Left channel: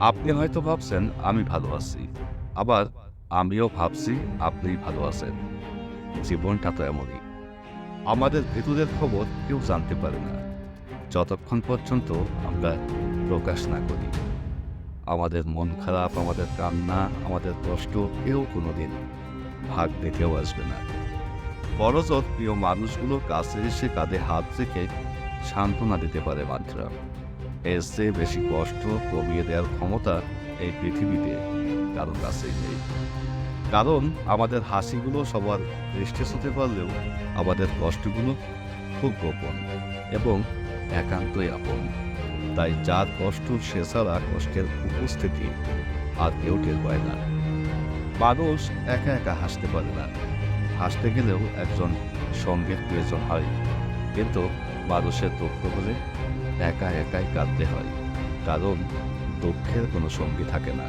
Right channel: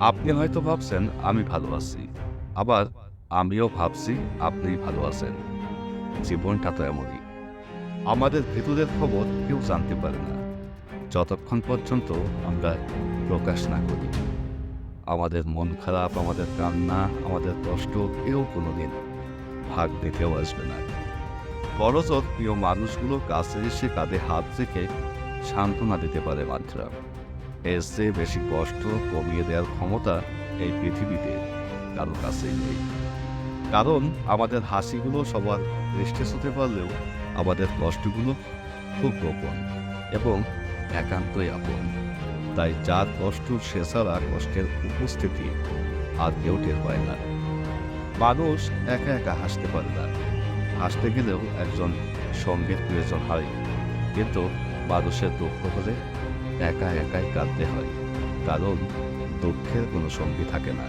আপনি হয়তো ভাবছেন, আমি ভালো আছি। আবার, আমিও ভাবছি আপনি ভালো আছেন। জীবনটা তো এমনই। আমাদের ভেতরের খবর কেউ জানতে পারে না। যতক্ষণ পর্যন্ত আমরা প্রকাশ না করি। আমাদের মন খারাপ, আমাদের কান্না, আমাদের কষ্ট কেউ কোনোদিন ভাগ দেখেও আসবে না। বড়জোর প্রিয় মানুষগুলো কাছে এসে কাঁধে হাত রেখে সান্ত্বনা দিতে পারে মাত্র। এর চেয়ে বেশি কষ্ট কমিয়ে দেওয়ার ক্ষমতা এই পৃথিবীতে কারও কাছেই নেই। কারণ আমাদের হাসিগুলো সবার দৃষ্টি হতে পারলেও আমাদের কষ্টগুলো খুব গোপন এবং একান্তই আপন। তাই যার কষ্ট সে ছাড়া কষ্টের উপস্থিতি আর কেউ টের পায় না। মানুষ একা একা হাসতে পারে না। হাসতে গেলেও একজন সঙ্গের প্রয়োজন হয়। কিন্তু মানুষের দুঃখ হলে একা একাই কাঁদতে হয় কারণ দুঃখের কোনো সঙ্গী থাকে না।